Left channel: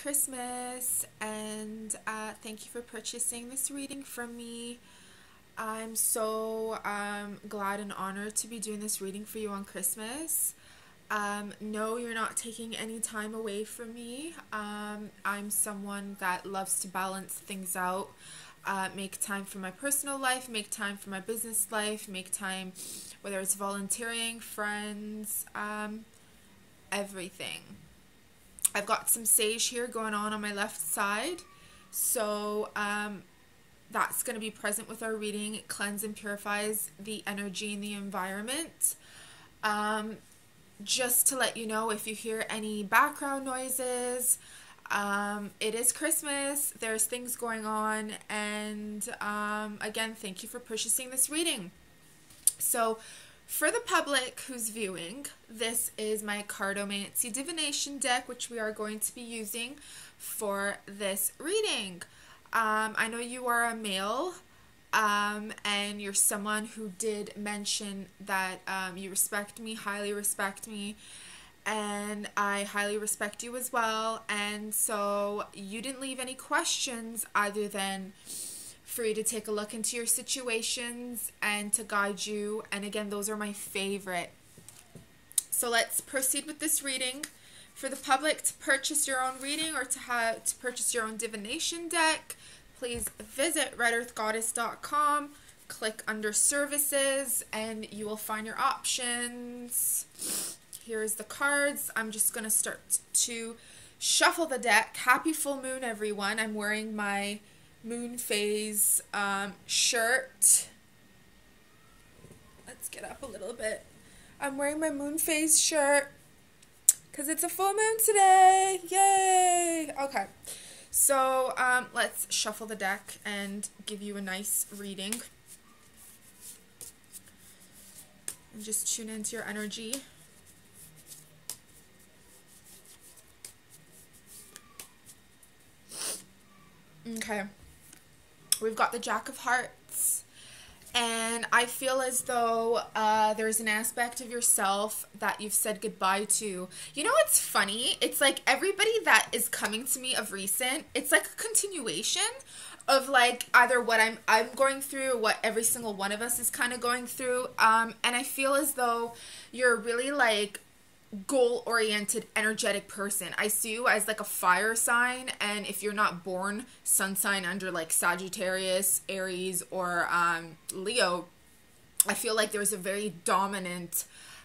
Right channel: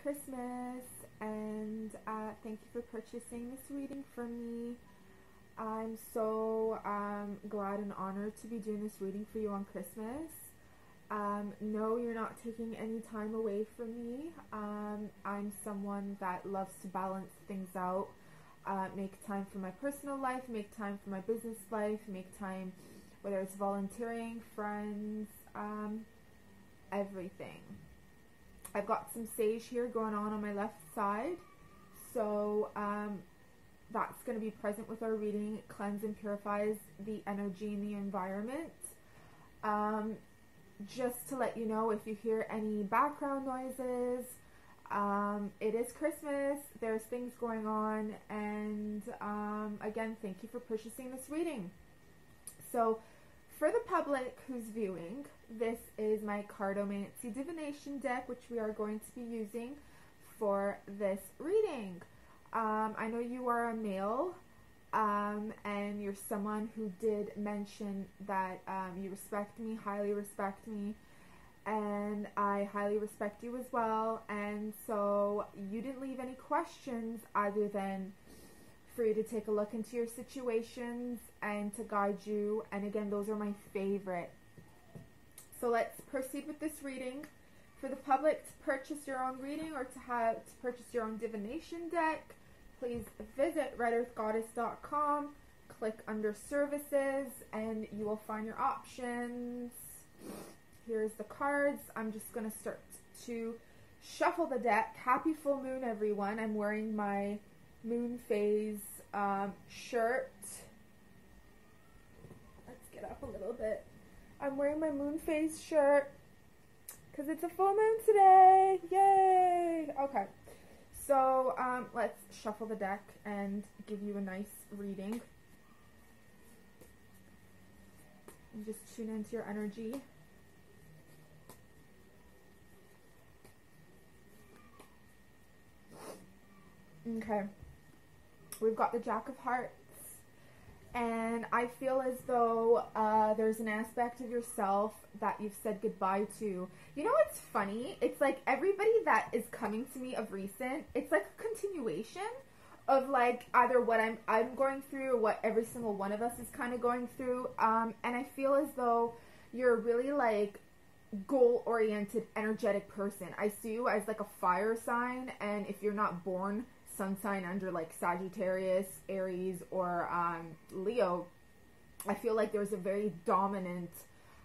Christmas, and thank you for purchasing this reading from me. I'm so glad and honored to be doing this reading for you on Christmas. No, you're not taking any time away from me. I'm someone that loves to balance things out, make time for my personal life, make time for my business life, make time, whether it's volunteering, friends, everything. I've got some sage here going on my left side, so that's going to be present with our reading. It cleanses and purifies the energy in the environment. Just to let you know, if you hear any background noises, it is Christmas, there's things going on, and again, thank you for purchasing this reading. So for the public who's viewing, this is my Cartomancy Divination deck, which we are going to be using for this reading. I know you are a male, and you're someone who did mention that you respect me, highly respect me, and I highly respect you as well. And so you didn't leave any questions other than for you to take a look into your situations and to guide you. And again, those are my favorite. So let's proceed with this reading. For the public to purchase your own reading or to purchase your own divination deck, please visit redearthgoddess.com, click under services, and you will find your options. Here's the cards. I'm just going to start to shuffle the deck. Happy full moon, everyone. I'm wearing my moon phase shirt. Let's get up a little bit. I'm wearing my moon phase shirt because it's a full moon today. Yay! Okay, so let's shuffle the deck and give you a nice reading. And just tune into your energy. Okay. We've got the Jack of Hearts, and I feel as though there's an aspect of yourself that you've said goodbye to. You know what's funny? It's like everybody that is coming to me of recent, it's like a continuation of like either what I'm going through or what every single one of us is kind of going through. And I feel as though you're really like goal-oriented, energetic person. I see you as like a fire sign, and if you're not born sun sign under like Sagittarius, Aries, or Leo, I feel like there's a very dominant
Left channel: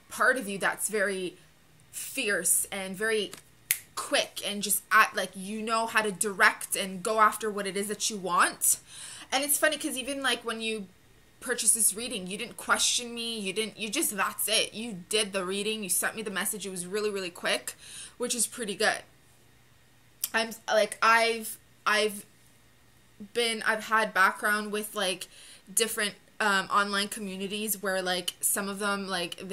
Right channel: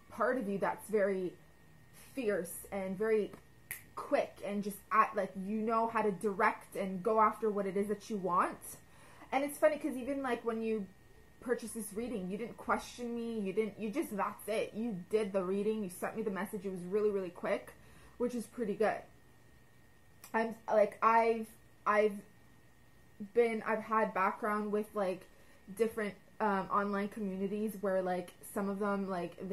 part of you that's very fierce and very quick and just like you know how to direct and go after what it is that you want. And it's funny because even like when you purchase this reading, you didn't question me, you just that's it, you did the reading, you sent me the message. It was really, really quick, which is pretty good. I'm like I've had background with like different online communities where like some of them like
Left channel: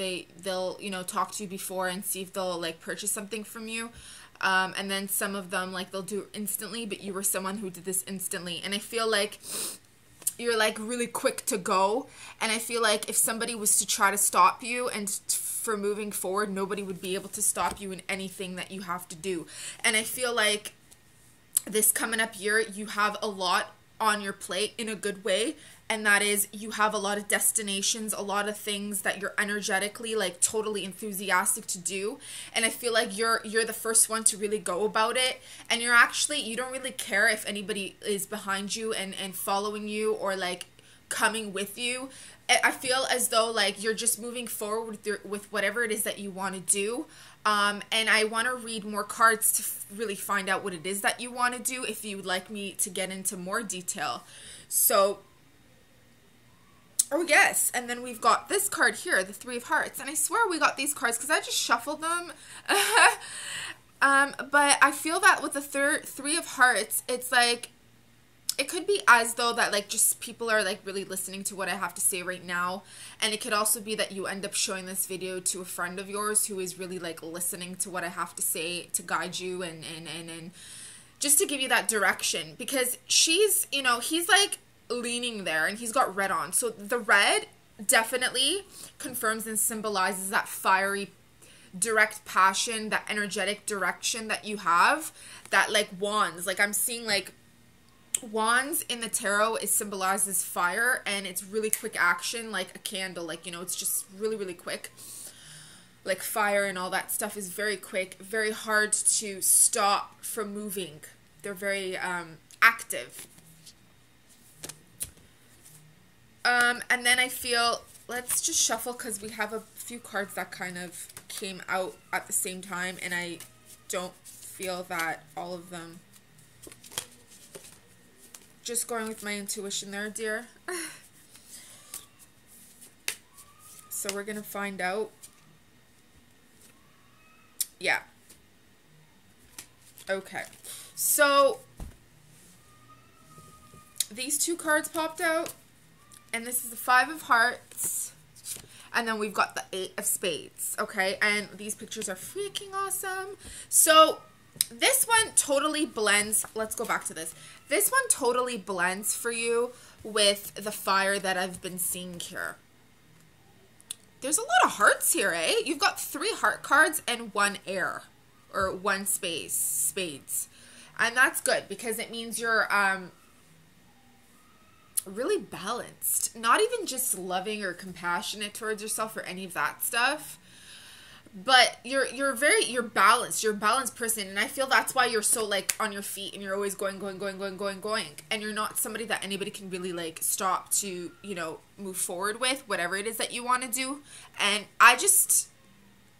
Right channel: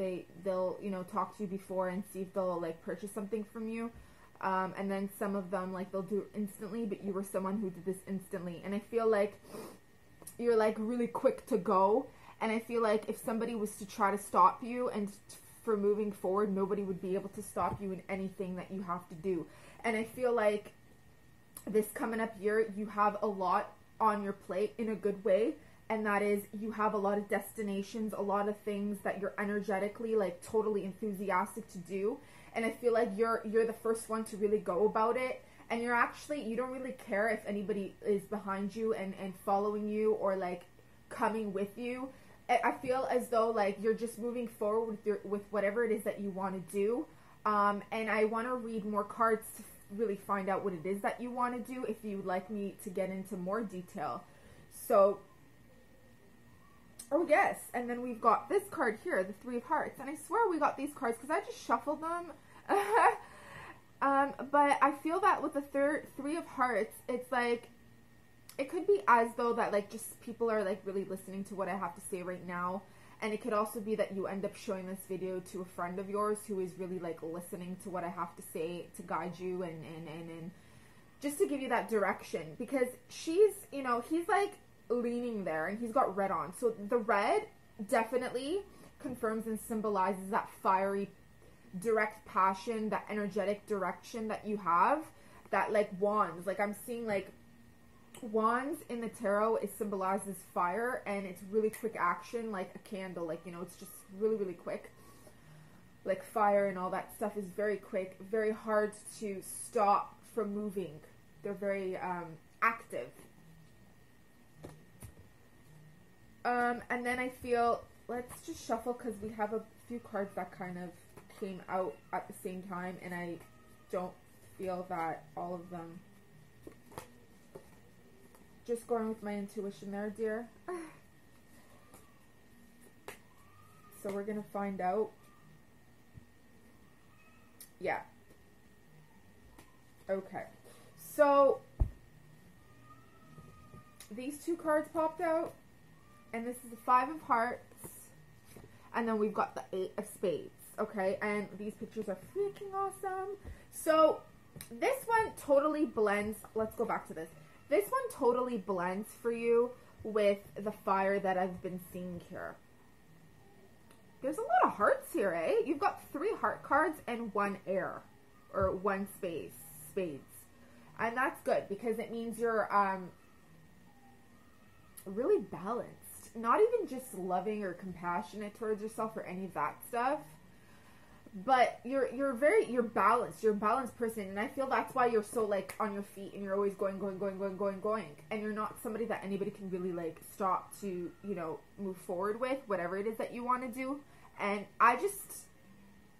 they'll you know talk to you before and see if they'll like purchase something from you, and then some of them like they'll do it instantly, but you were someone who did this instantly. And I feel like you're like really quick to go, and I feel like if somebody was to try to stop you and for moving forward, nobody would be able to stop you in anything that you have to do. And I feel like this coming up year, you have a lot on your plate in a good way, and that is you have a lot of destinations, a lot of things that you're energetically like totally enthusiastic to do. And I feel like you're the first one to really go about it, and you don't really care if anybody is behind you and following you or like coming with you. I feel as though like you're just moving forward with whatever it is that you want to do. And I want to read more cards to really find out what it is that you want to do if you would like me to get into more detail. So oh yes, and then we've got this card here, the Three of Hearts, and I swear we got these cards because I just shuffled them. But I feel that with the Three of Hearts, it's like it could be as though that like just people are like really listening to what I have to say right now, and it could also be that you end up showing this video to a friend of yours who is really like listening to what I have to say to guide you and just to give you that direction, because she's, you know, he's like leaning there and he's got red on. So the red definitely confirms and symbolizes that fiery direct passion, that energetic direction that you have, that like wands, like I'm seeing like wands in the tarot is symbolized as fire, and it's really quick action, like a candle, like, you know, it's just really, really quick. Like fire and all that stuff is very quick, very hard to stop from moving. They're very active. And then I feel, let's just shuffle because we have a few cards that kind of came out at the same time, and I don't feel that all of them. Just going with my intuition there, dear. So we're going to find out. Yeah. Okay. So these two cards popped out. And this is the 5 of Hearts. And then we've got the 8 of Spades. Okay. And these pictures are freaking awesome. So this one totally blends. Let's go back to this. This one totally blends for you with the fire that I've been seeing here. There's a lot of hearts here, eh? You've got 3 heart cards and 1 air. Or 1 spades. And that's good because it means you're really balanced. Not even just loving or compassionate towards yourself or any of that stuff. But you're balanced. You're a balanced person. And I feel that's why you're so like on your feet and you're always going. And you're not somebody that anybody can really like stop to, you know, move forward with whatever it is that you want to do. And I just,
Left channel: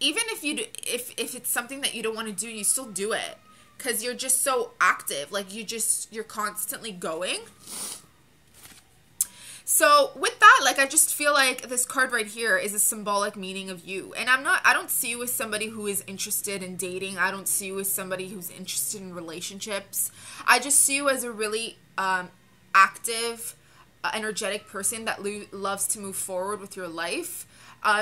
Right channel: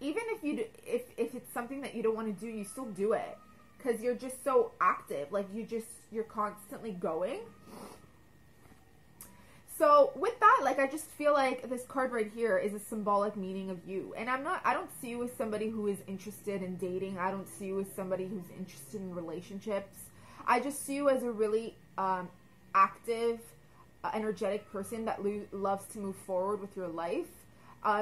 even if you do, if it's something that you don't want to do, you still do it. Because you're just so active. Like you're constantly going. So with that, like, I just feel like this card right here is a symbolic meaning of you. And I don't see you as somebody who is interested in dating. I don't see you as somebody who's interested in relationships. I just see you as a really active, energetic person that loves to move forward with your life.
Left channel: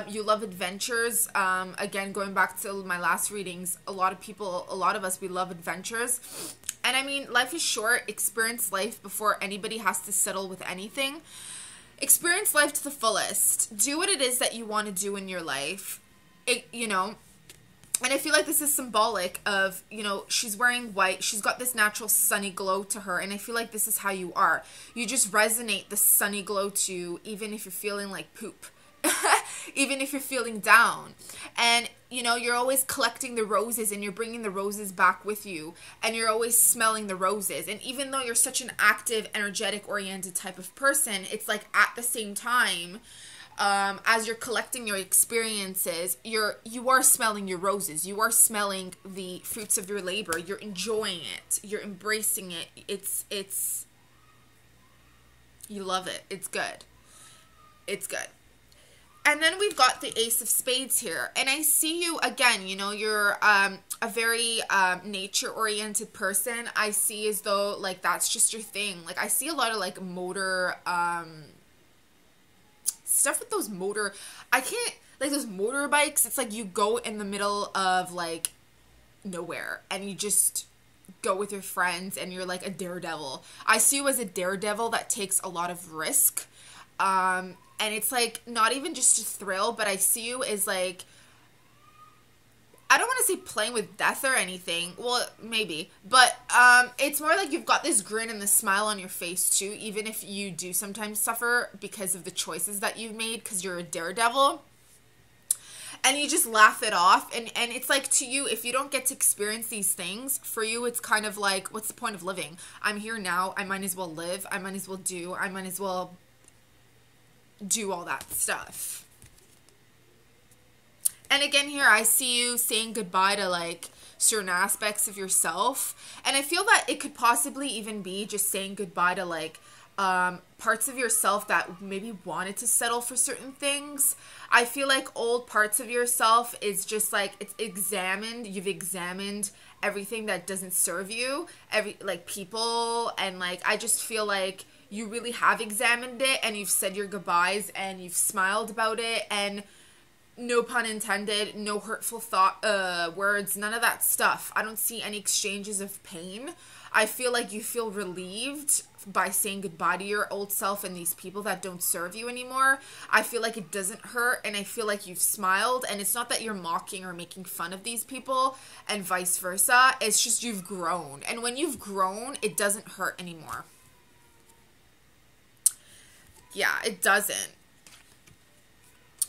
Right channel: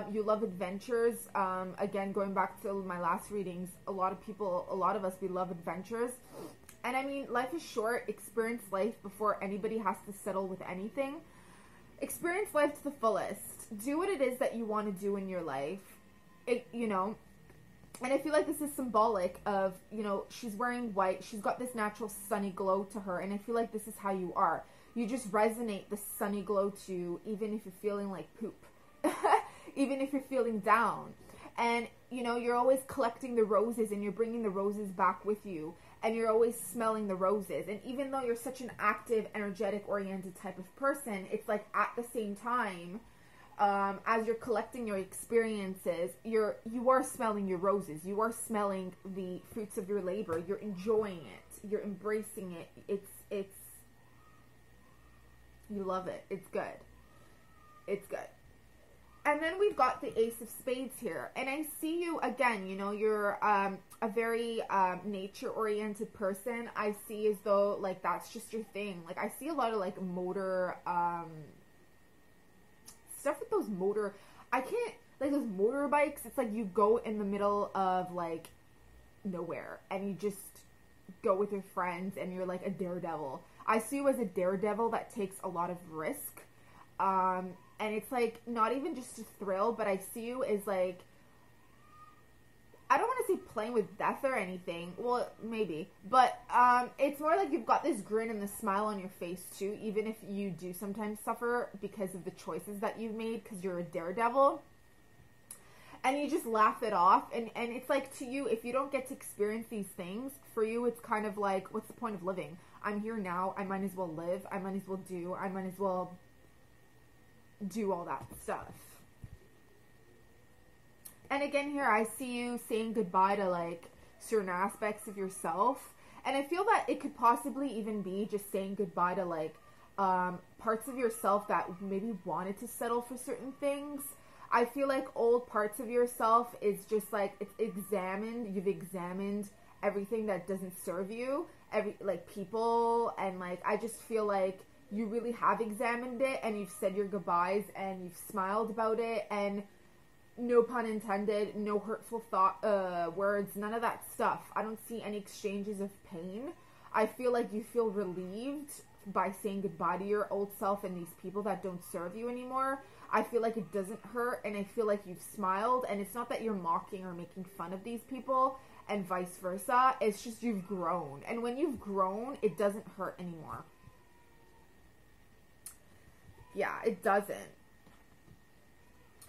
You love adventures. Again, going back to my last readings, a lot of us, we love adventures. And I mean, life is short. Experience life before anybody has to settle with anything. Experience life to the fullest. Do what it is that you want to do in your life. You know, and I feel like this is symbolic of, you know, she's wearing white. She's got this natural sunny glow to her. And I feel like this is how you are. You just resonate the sunny glow to you, even if you're feeling like poop. Even if you're feeling down. And, you know, you're always collecting the roses and you're bringing the roses back with you. And you're always smelling the roses. And even though you're such an active, energetic, oriented type of person, it's like at the same time, as you're collecting your experiences, you are smelling your roses. You are smelling the fruits of your labor. You're enjoying it. You're embracing it. It's you love it. It's good. It's good. And then we've got the Ace of Spades here. And I see you, again, you know, you're a very nature-oriented person. I see as though, like, that's just your thing. Like, I see a lot of, like, motor stuff with those motor... I can't... Like, those motorbikes, it's like you go in the middle of, like, nowhere. And you just go with your friends and you're, like, a daredevil. I see you as a daredevil that takes a lot of risk. And it's like not even just a thrill, but I see you as like, I don't want to say playing with death or anything. Well, maybe. But it's more like you've got this grin and this smile on your face too, even if you do sometimes suffer because of the choices that you've made because you're a daredevil. And you just laugh it off. And it's like to you, if you don't get to experience these things, for you it's kind of like, what's the point of living? I'm here now. I might as well live. I might as well do all that stuff. And again here, I see you saying goodbye to like certain aspects of yourself. And I feel that it could possibly even be just saying goodbye to like parts of yourself that maybe wanted to settle for certain things. I feel like old parts of yourself is just like, it's examined. You've examined everything that doesn't serve you, like people. And like, I just feel like you really have examined it and you've said your goodbyes and you've smiled about it, and no pun intended, no hurtful words, none of that stuff. I don't see any exchanges of pain. I feel like you feel relieved by saying goodbye to your old self and these people that don't serve you anymore. I feel like it doesn't hurt, and I feel like you've smiled, and it's not that you're mocking or making fun of these people and vice versa. It's just you've grown, and when you've grown, it doesn't hurt anymore. Yeah, it doesn't.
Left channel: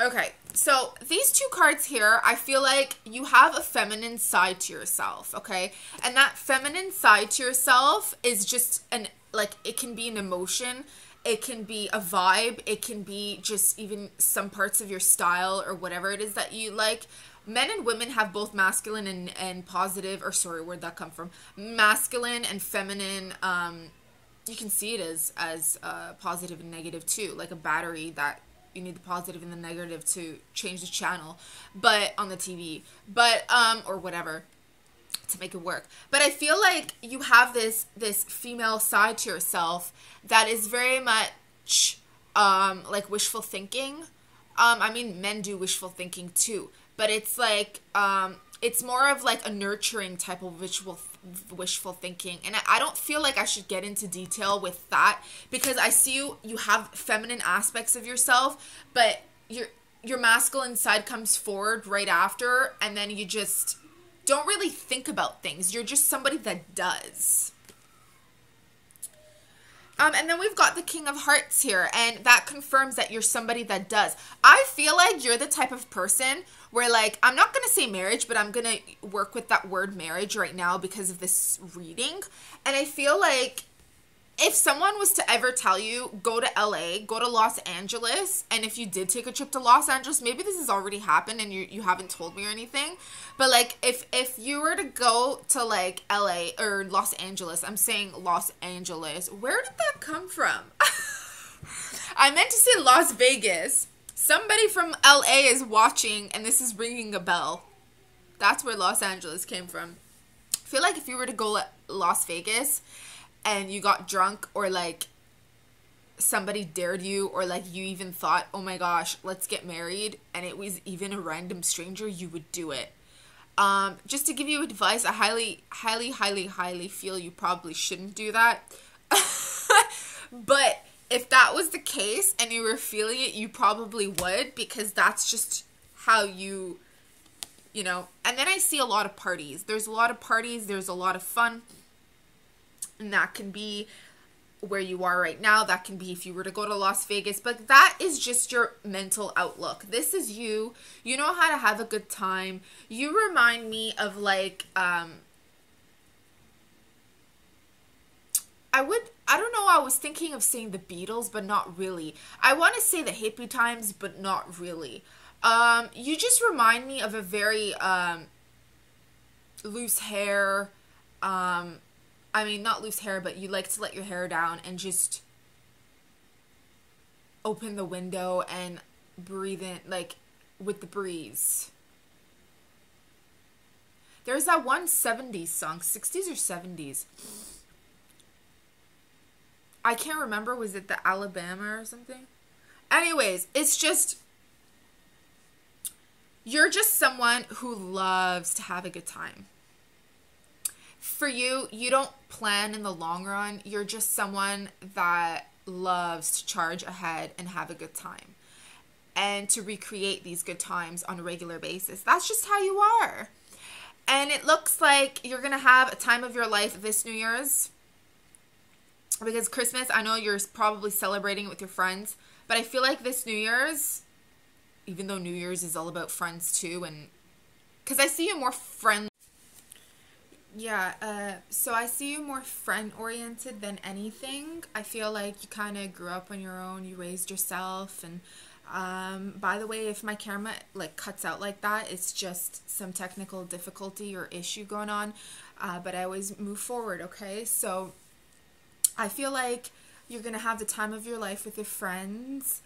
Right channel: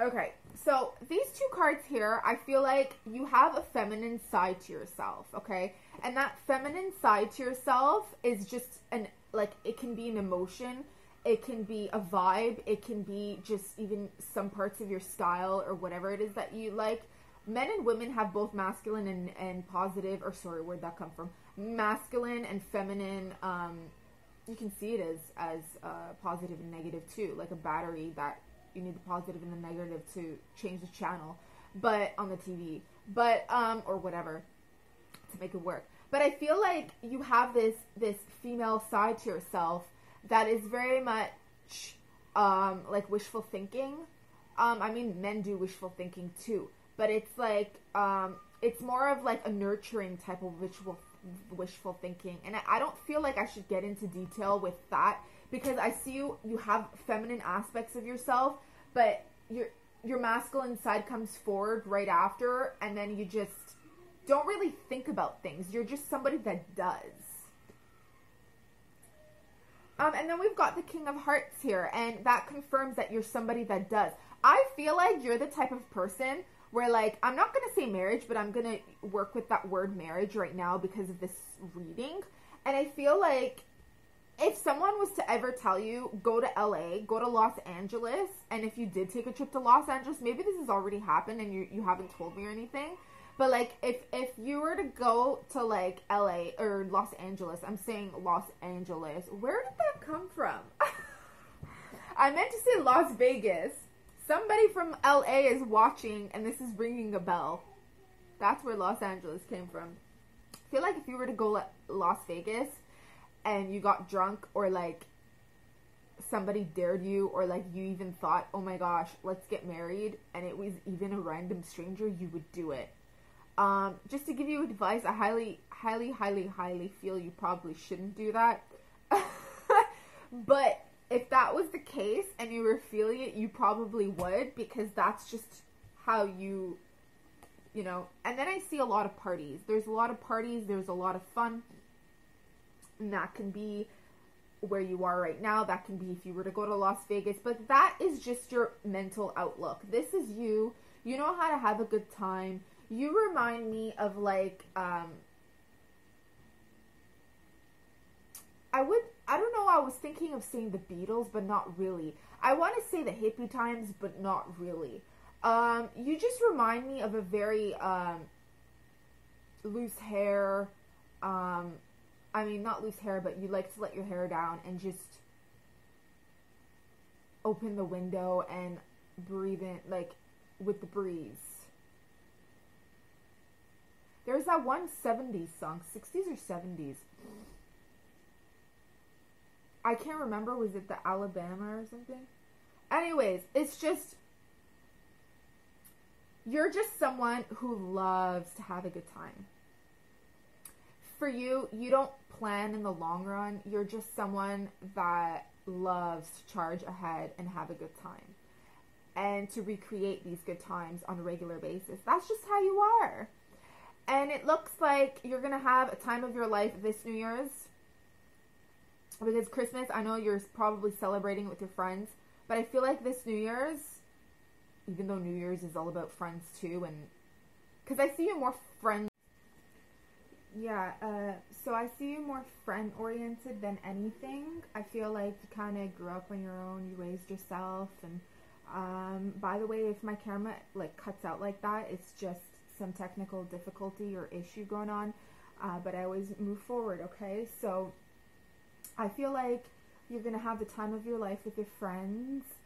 Okay, so these two cards here, I feel like you have a feminine side to yourself, okay? And that feminine side to yourself is just it can be an emotion, it can be a vibe, it can be just even some parts of your style or whatever it is that you like. Men and women have both masculine and positive, or sorry, where'd that come from? Masculine and feminine, you can see it as positive and negative too, like a battery that you need the positive and the negative to change the channel, but on the TV, but or whatever, to make it work. But I feel like you have this female side to yourself that is very much like wishful thinking. I mean, men do wishful thinking too, but it's like it's more of like a nurturing type of wishful thinking, and I don't feel like I should get into detail with that, because I see you have feminine aspects of yourself, but your masculine side comes forward right after, and then you just don't really think about things. You're just somebody that does. And then we've got the King of Hearts here, and that confirms that you're somebody that does. I feel like you're the type of person where, like, I'm not going to say marriage, but I'm going to work with that word marriage right now because of this reading. And I feel like if someone was to ever tell you, go to LA, go to Los Angeles, and if you did take a trip to Los Angeles, maybe this has already happened and you haven't told me or anything, but like if you were to go to like LA or Los Angeles, I'm saying Los Angeles, where did that come from? I meant to say Las Vegas. Somebody from LA is watching and this is ringing a bell. That's where Los Angeles came from. I feel like if you were to go to Las Vegas and you got drunk, or like somebody dared you, or like you even thought, oh my gosh, let's get married, and it was even a random stranger, you would do it. Just to give you advice, I highly feel you probably shouldn't do that. But if that was the case and you were feeling it, you probably would, because that's just how you know. And then I see a lot of parties. There's a lot of parties. There's a lot of fun. And that can be where you are right now. That can be if you were to go to Las Vegas. But that is just your mental outlook. This is you. You know how to have a good time. You remind me of like, I don't know, I was thinking of saying the Beatles, but not really. I want to say the hippie times, but not really. You just remind me of a very loose hair, I mean, not loose hair, but you like to let your hair down and just open the window and breathe in, like, with the breeze. There's that one 70s song, 60s or 70s. I can't remember, was it the Alabama or something? Anyways, it's just, you're just someone who loves to have a good time. For you, you don't plan in the long run. You're just someone that loves to charge ahead and have a good time, and to recreate these good times on a regular basis. That's just how you are. And it looks like you're going to have a time of your life this New Year's, because Christmas, I know you're probably celebrating it with your friends, but I feel like this New Year's, even though New Year's is all about friends too, and because I see you more friendly. Yeah, so I see you more friend-oriented than anything. I feel like you kind of grew up on your own, you raised yourself, and by the way, if my camera like cuts out like that, it's just some technical difficulty or issue going on, but I always move forward, okay? So I feel like you're going to have the time of your life with your friends,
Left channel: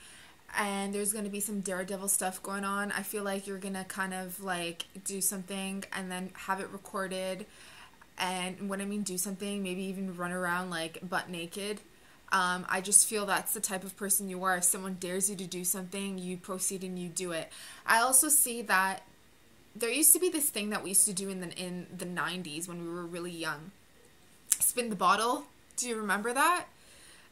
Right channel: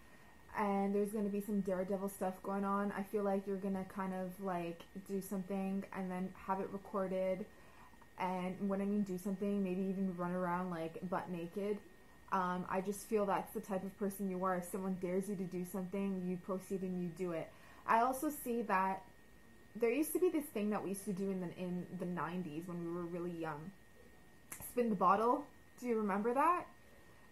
and there's going to be some daredevil stuff going on. I feel like you're going to kind of like do something and then have it recorded. And when I mean do something, maybe even run around like butt naked. I just feel that's the type of person you are. If someone dares you to do something, you proceed and you do it. I also see that there used to be this thing that we used to do in the 90s when we were really young. spin the bottle. Do you remember that?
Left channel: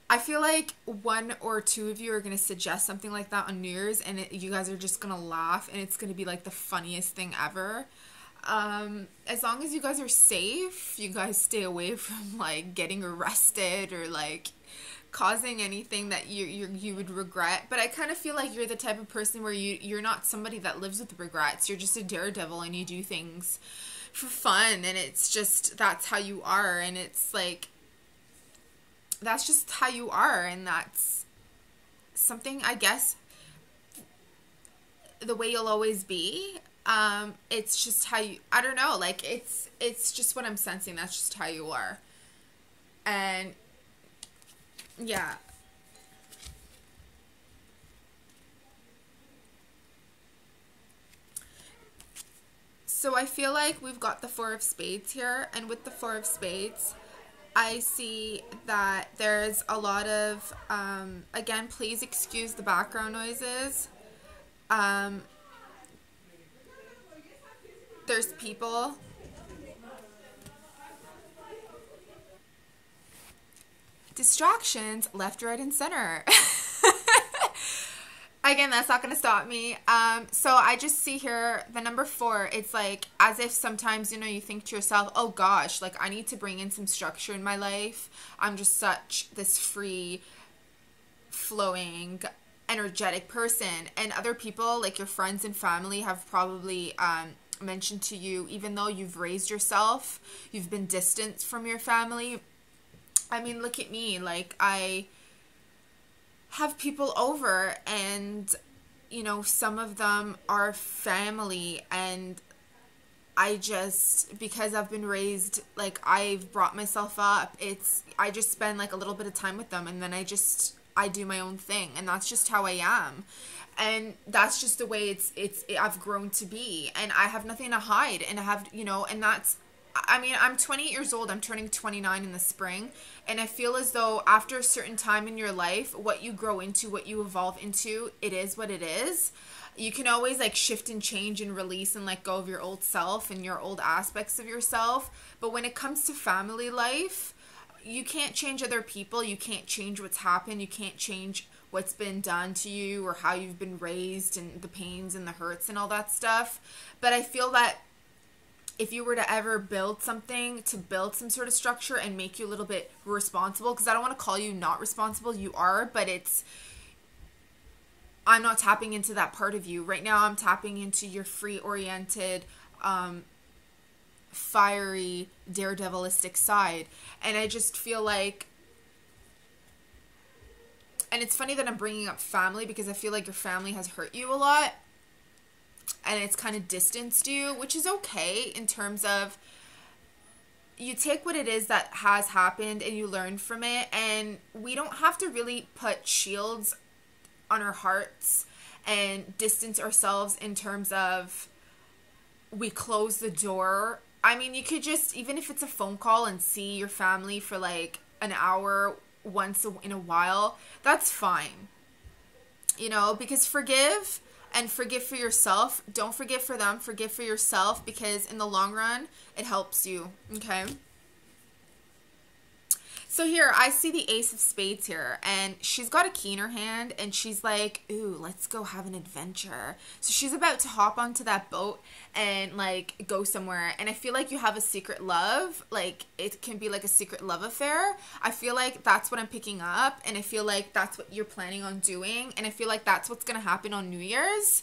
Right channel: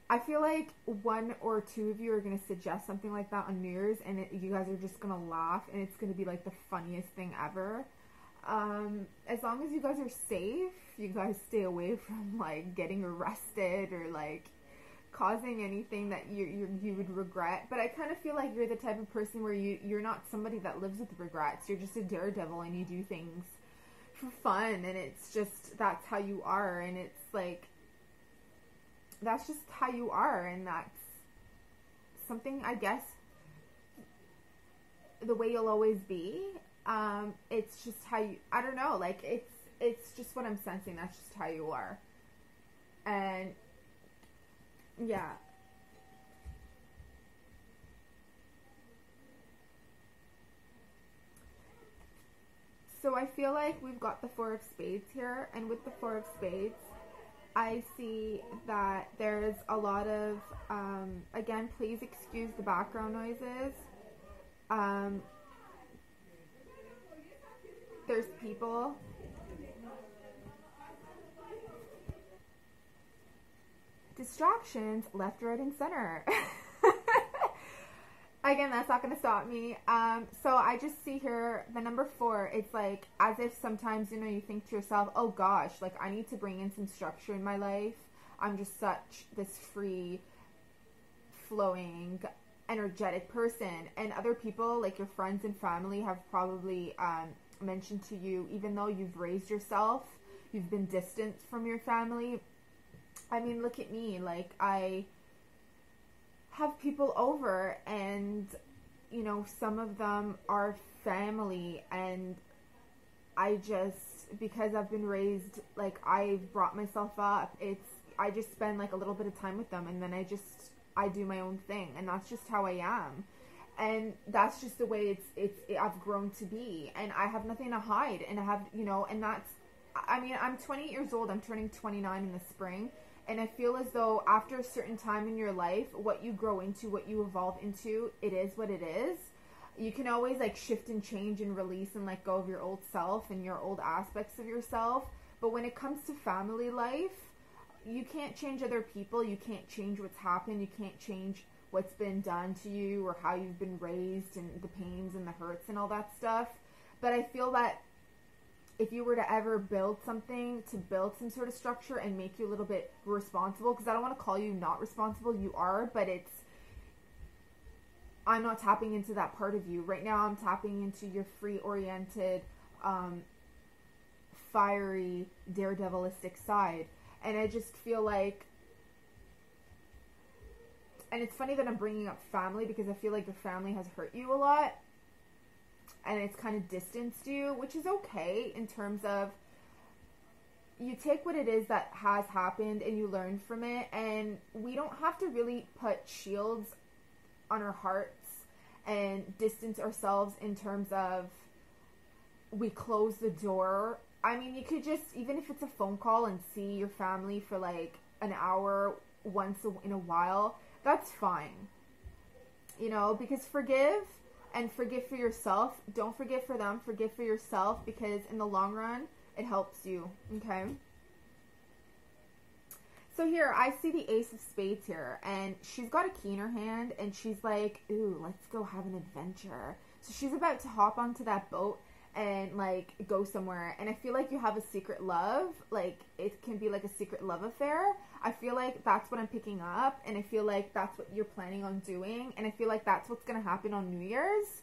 I feel like one or two of you are going to suggest something like that on New Year's, and you guys are just going to laugh, and it's going to be like the funniest thing ever. As long as you guys are safe, you guys stay away from like getting arrested or like causing anything that you would regret. But I kind of feel like you're the type of person where you're not somebody that lives with regrets. You're just a daredevil, and you do things for fun, and it's just, that's how you are, and it's like, that's just how you are, and that's something, I guess, the way you'll always be. It's just how you, I don't know, like, it's just what I'm sensing. That's just how you are. And yeah. So I feel like we've got the Four of Spades here, and with the Four of Spades, I see that there's a lot of, again, please excuse the background noises. There's people. Distractions left, right, and center. Again, that's not going to stop me. So I just see here the number 4. It's like as if sometimes, you know, you think to yourself, oh gosh, like I need to bring in some structure in my life. I'm just such this free flowing, energetic person. And other people, like your friends and family, have probably mentioned to you, even though you've raised yourself, you've been distanced from your family. I mean, look at me. Like, I have people over, and you know, some of them are family, and I just, because I've been raised, like I've brought myself up, I just spend like a little bit of time with them, and then I do my own thing, and that's just how I am. And that's just the way I've grown to be, and I have nothing to hide, and I have, you know, and that's, I mean, I'm 28 years old. I'm turning 29 in the spring. And I feel as though after a certain time in your life, what you grow into, what you evolve into, it is what it is. You can always like shift and change and release and let go of your old self and your old aspects of yourself. But when it comes to family life, you can't change other people. You can't change what's happened. You can't change what's been done to you or how you've been raised and the pains and the hurts and all that stuff. But I feel that if you were to ever build something, to build some sort of structure and make you a little bit responsible, because I don't want to call you not responsible, you are, but I'm not tapping into that part of you. Right now I'm tapping into your free-oriented, fiery, daredevilistic side. And I just feel like, and it's funny that I'm bringing up family, because I feel like your family has hurt you a lot. And it's kind of distanced you, which is okay in terms of you take what it is that has happened and you learn from it. And we don't have to really put shields on our hearts and distance ourselves in terms of we close the door. I mean, you could just, even if it's a phone call and see your family for like an hour once in a while, that's fine. You know, because forgive. And forgive for yourself. Don't forgive for them. Forgive for yourself, because in the long run, it helps you. Okay? So here, I see the Ace of Spades here. And she's got a key in her hand. And she's like, ooh, let's go have an adventure. So she's about to hop onto that boat and like go somewhere. And I feel like you have a secret love. Like it can be like a secret love affair. I feel like that's what I'm picking up, and I feel like that's what you're planning on doing, and I feel like that's what's gonna happen on New Year's,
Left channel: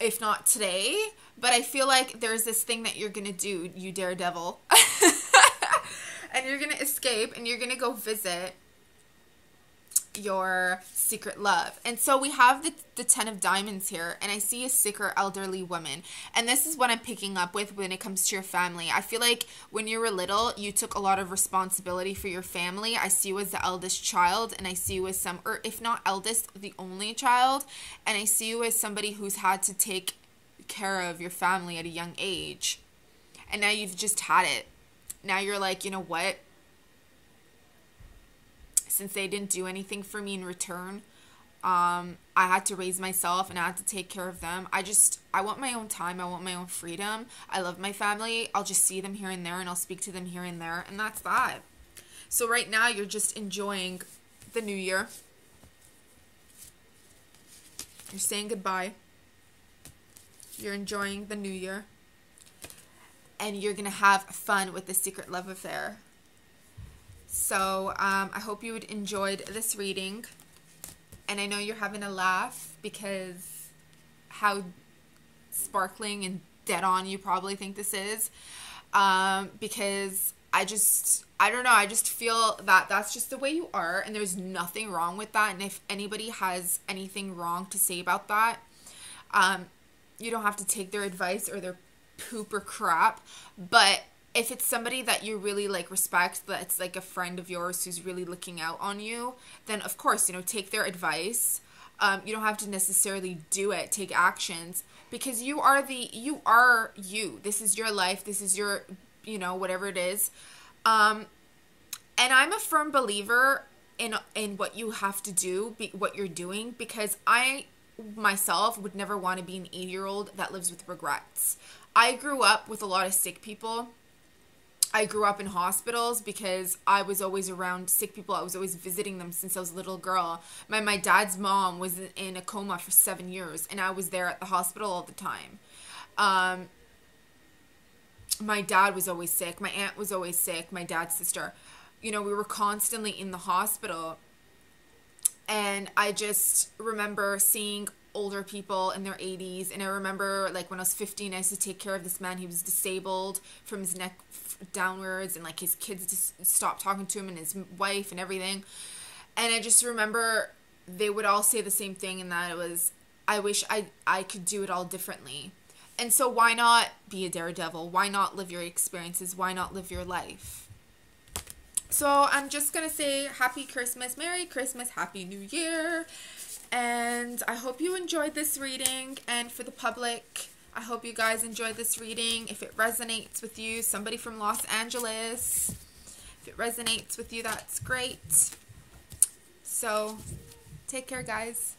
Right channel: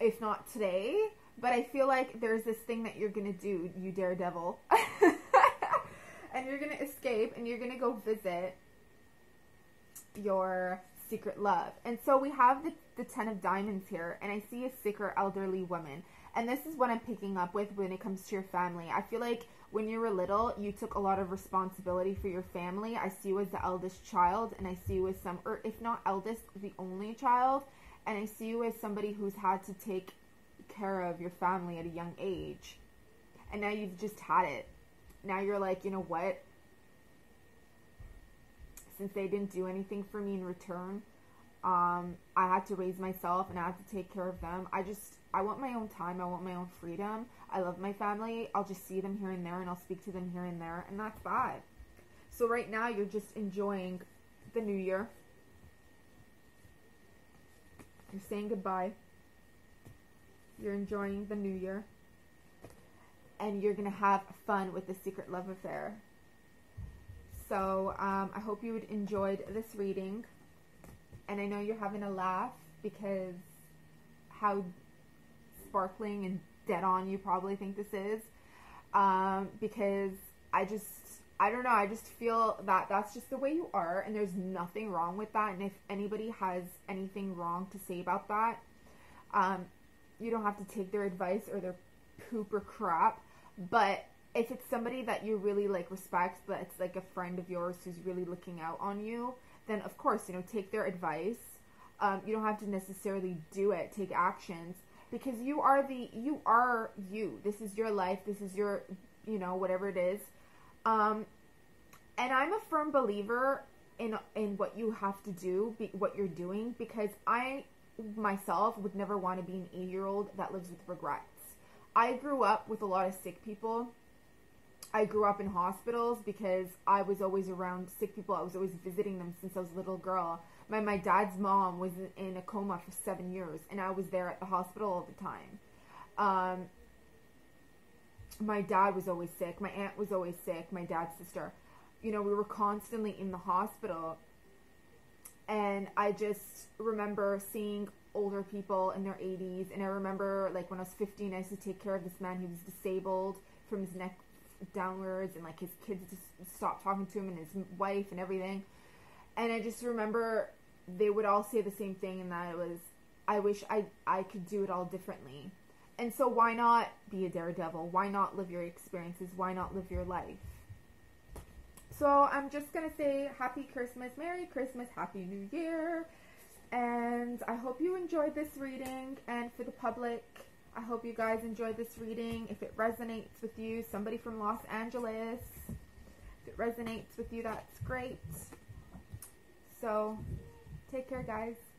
if not today. But I feel like there's this thing that you're gonna do, you daredevil. And you're gonna escape, and you're gonna go visit your secret love. And so we have the 10 of diamonds here, and I see a sicker elderly woman, and this is what I'm picking up with when it comes to your family. I feel like when you were little, you took a lot of responsibility for your family. I see you as the eldest child, and I see you as or if not eldest, the only child, and I see you as somebody who's had to take care of your family at a young age, and now you've just had it. Now you're like, you know what, since they didn't do anything for me in return, I had to raise myself and I had to take care of them. I want my own time. I want my own freedom. I love my family. I'll just see them here and there and I'll speak to them here and there. And that's that. So right now you're just enjoying the new year. You're saying goodbye. You're enjoying the new year. And you're going to have fun with the secret love affair. So I hope you enjoyed this reading. And I know you're having a laugh because how sparkling and dead on you probably think this is. Because I don't know, I just feel that that's just the way you are. And there's nothing wrong with that. And if anybody has anything wrong to say about that, you don't have to take their advice or their poop or crap. But if it's somebody that you really like respect, that it's like a friend of yours who's really looking out on you, then of course, you know, take their advice. You don't have to necessarily do it, take actions, because you are you. This is your life. This is your, you know, whatever it is. And I'm a firm believer in what you have to do, what you're doing, because I myself would never want to be an 8-year-old that lives with regrets. I grew up with a lot of sick people. I grew up in hospitals because I was always around sick people. I was always visiting them since I was a little girl. My dad's mom was in a coma for 7 years, and I was there at the hospital all the time. My dad was always sick. My aunt was always sick. My dad's sister. You know, we were constantly in the hospital. And I just remember seeing older people in their 80s. And I remember, like, when I was 15, I used to take care of this man. He was disabled from his neck downwards. And, like, his kids just stopped talking to him and his wife and everything. And I just remember they would all say the same thing. And that it was, I wish I could do it all differently. And so why not be a daredevil? Why not live your experiences? Why not live your life? So I'm just going to say Happy Christmas, Merry Christmas, Happy New Year. And I hope you enjoyed this reading. And for the public, I hope you guys enjoyed this reading. If it resonates with you, somebody from Los Angeles, if it resonates with you, that's great. So take care, guys.